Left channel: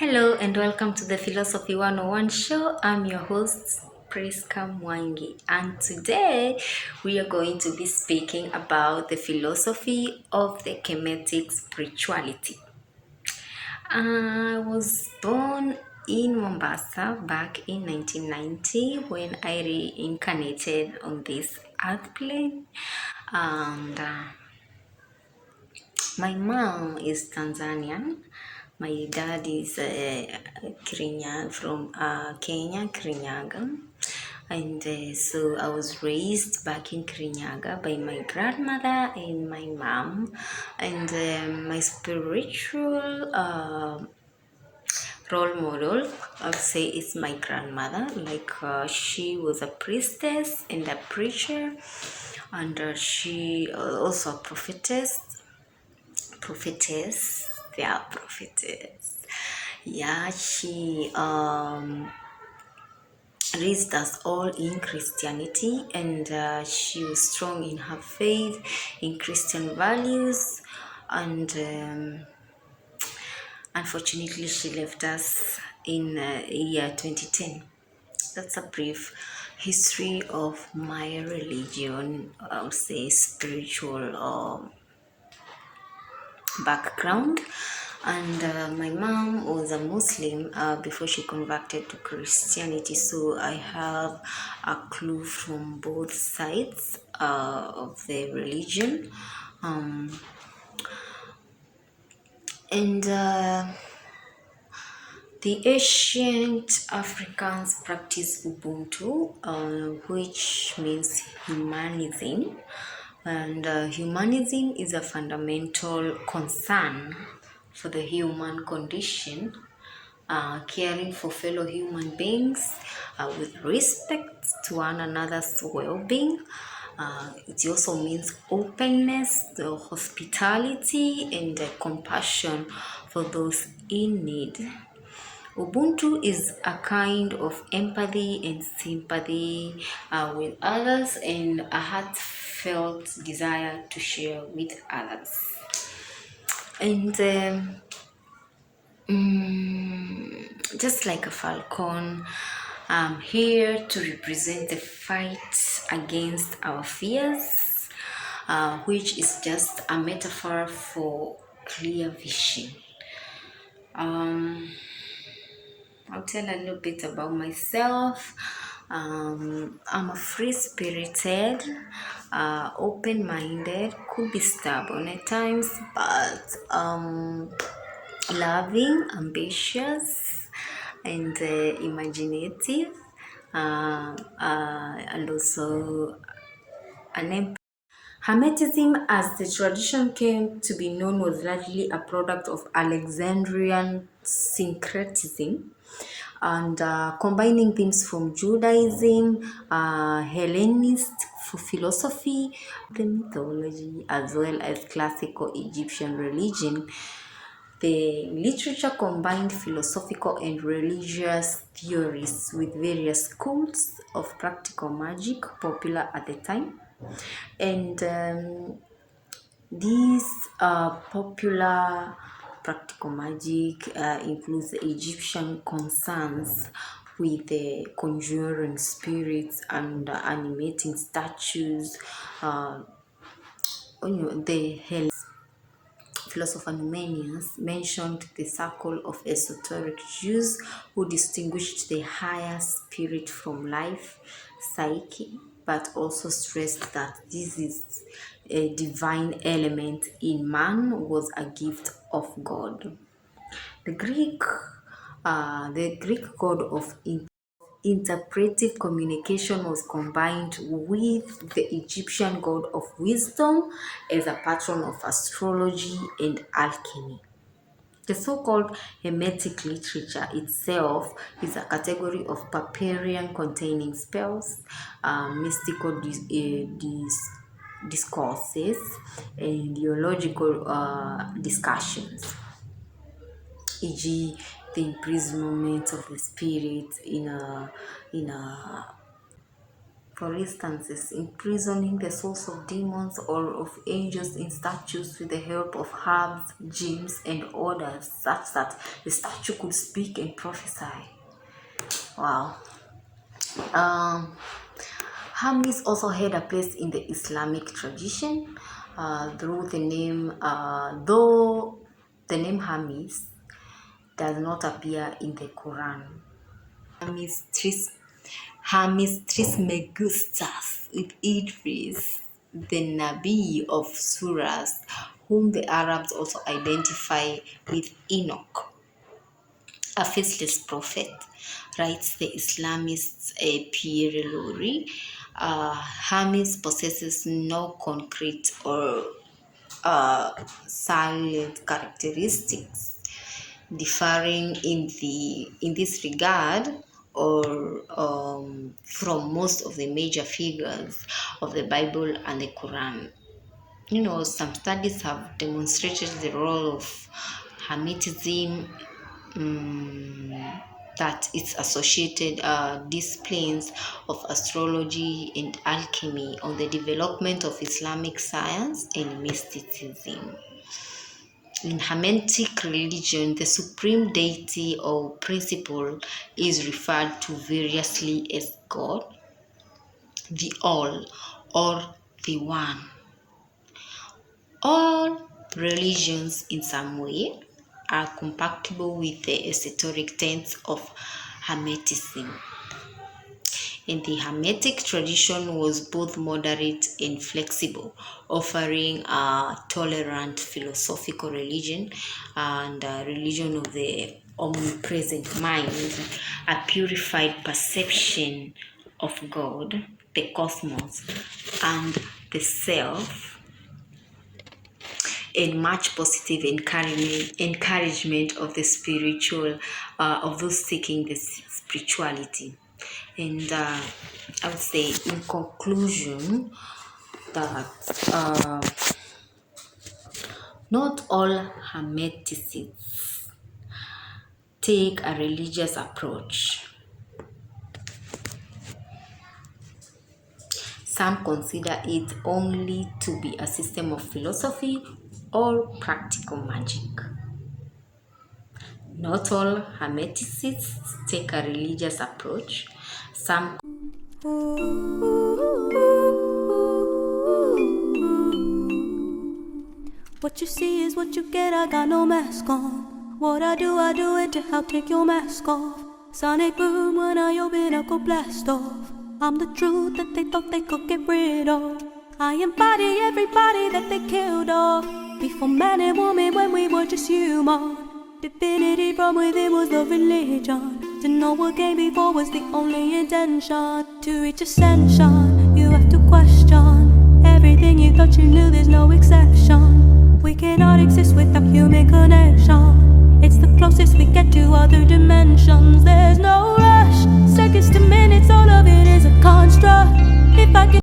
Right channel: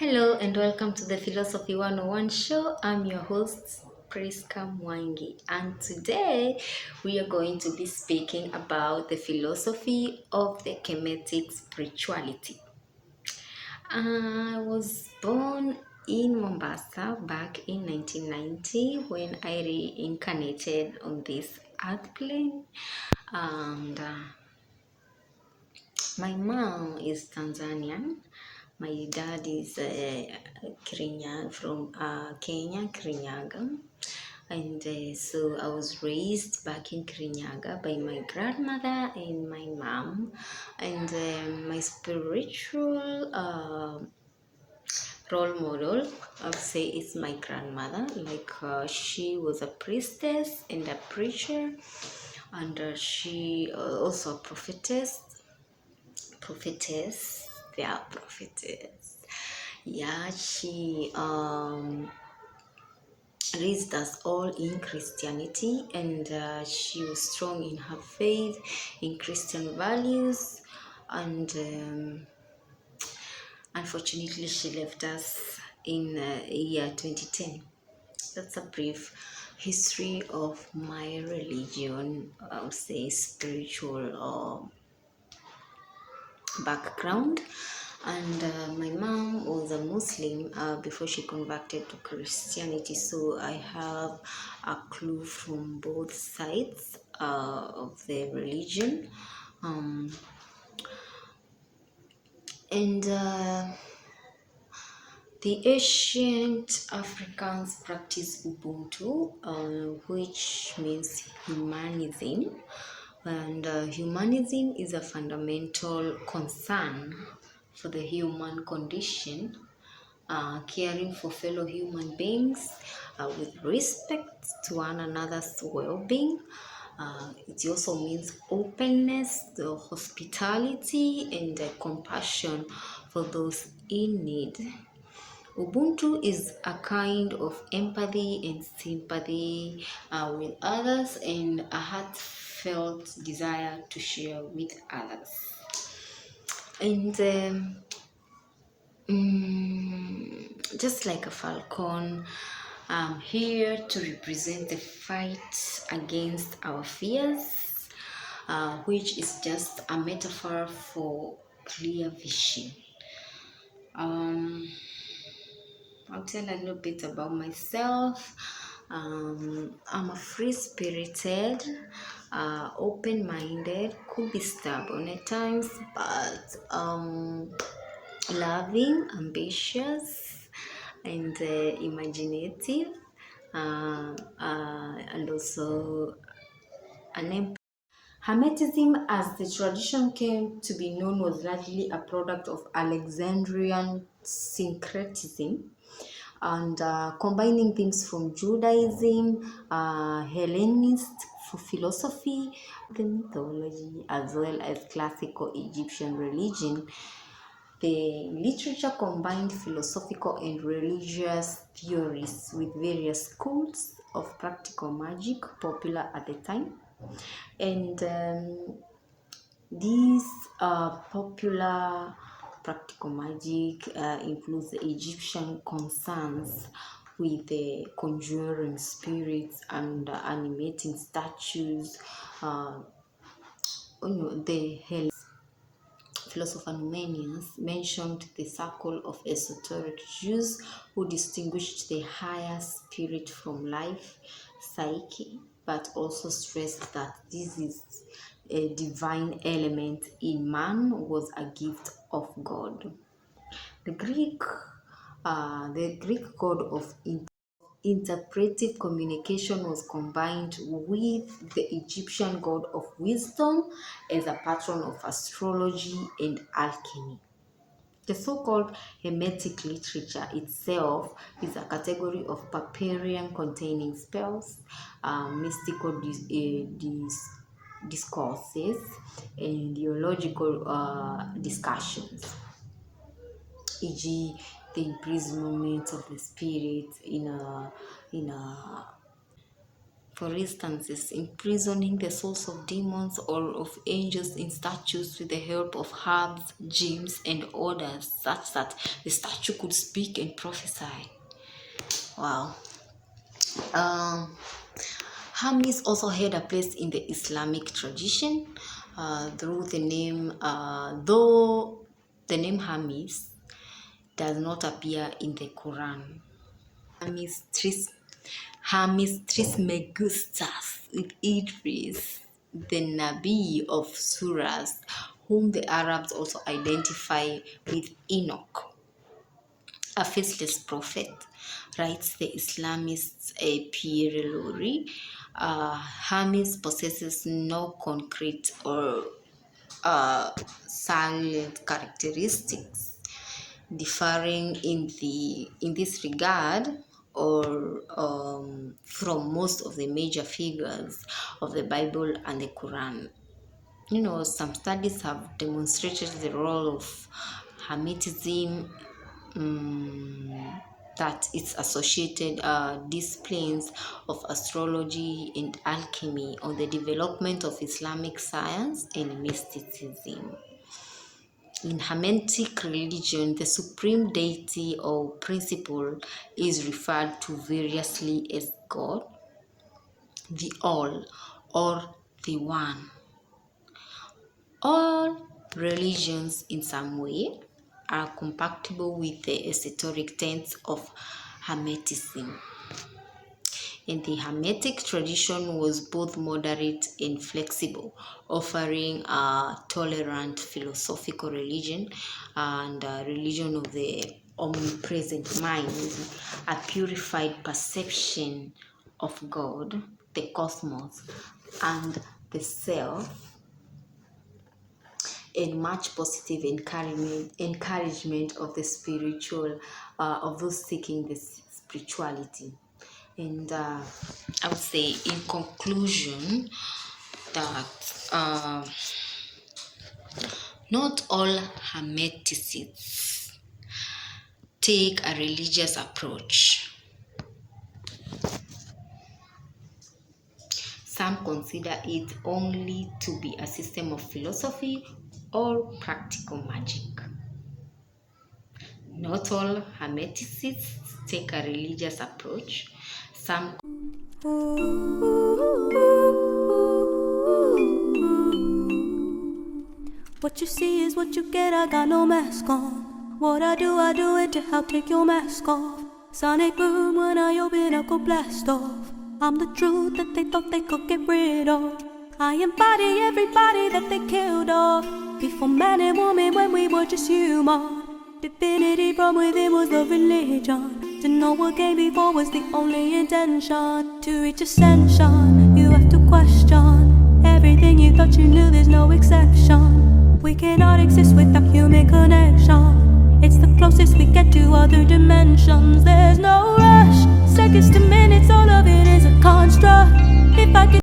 Hello and welcome to the Philosophy 101 show. I'm your host, Priska Mwangi, and today we are going to be speaking about the philosophy of the Kemetic spirituality. I was born in Mombasa back in 1990 when I reincarnated on this earth plane, and my mom is Tanzanian. My dad is from Kenya, Kirinyaga. And so I was raised back in Kirinyaga by my grandmother and my mom. And my spiritual role model, I would say, is my grandmother. She was a priestess and a preacher, and she also a prophetess. Yeah, prophetess. Yeah, she raised us all in Christianity, and she was strong in her faith, in Christian values, and unfortunately, she left us in year 2010. That's a brief history of my religion, I would say spiritual background. And my mom was a Muslim before she converted to Christianity, so I have a clue from both sides of the religion. And The ancient Africans practiced Ubuntu, which means humanism. And humanism is a fundamental concern for the human condition, caring for fellow human beings with respect to one another's well-being. It also means openness, the hospitality, and compassion for those in need. Ubuntu is a kind of empathy and sympathy with others, and a heartfelt desire to share with others. And just like a falcon, I'm here to represent the fight against our fears, which is just a metaphor for clear vision. I'll tell a little bit about myself. I'm a free-spirited, open-minded, could be stubborn at times, but loving, ambitious, and imaginative, and also an Hermetism, as the tradition came to be known, was largely a product of Alexandrian syncretism, and combining themes from Judaism, Hellenist philosophy, the mythology, as well as classical Egyptian religion. The literature combined philosophical and religious theories with various schools of practical magic popular at the time. And these popular practical magic includes the Egyptian concerns with the conjuring spirits and animating statues. The philosopher Numenius mentioned the circle of esoteric Jews who distinguished the higher spirit from life, psyche, but also stressed that this is a divine element in man was a gift of God. The Greek god of interpretive communication was combined with the Egyptian god of wisdom as a patron of astrology and alchemy. The so-called Hermetic literature itself is a category of papyrian containing spells, mystical discourses, and theological discussions, e.g., the imprisonment of the spirit in a For instance, imprisoning the souls of demons or of angels in statues with the help of herbs, gems, and odors, such that the statue could speak and prophesy. Wow. Hermes also had a place in the Islamic tradition through the name, though the name Hermes does not appear in the Quran. Hermes Trismegistus with Idris, the Nabi of Surahs, whom the Arabs also identify with Enoch, a faceless prophet, writes the Islamist Pierre Lurie. Hermes possesses no concrete or silent characteristics, differing in this regard or from most of the major figures of the Bible and the Quran. Some studies have demonstrated the role of Hermetism, that its associated disciplines of astrology and alchemy on the development of Islamic science and mysticism. In Hermetic religion, the supreme deity or principle is referred to variously as God, the All, or the One. All religions in some way are compatible with the esoteric tenets of Hermetism. And the Hermetic tradition was both moderate and flexible, offering a tolerant philosophical religion and a religion of the omnipresent mind, a purified perception of God, the cosmos, and the self, and much positive encouragement of the spiritual, of those seeking the spirituality. And I would say in conclusion that not all Hermeticists take a religious approach. Some consider it only to be a system of philosophy or practical magic. Not all Hermeticists take a religious approach. Some What you see is what you get, I got no mask on. What I do it to help take your mask off. Sonic boom when I open up, go blast off. I'm the truth that they thought they could get rid of. I embody everybody that they killed off. Before man and woman when we were just human. Divinity from within was the religion. To know what came before was the only intention. To reach ascension, you have to question everything you thought you knew, there's no exception. We cannot exist without human connection. It's the closest we get to other dimensions. There's no rush, seconds to minutes, all of it is a construct. If I could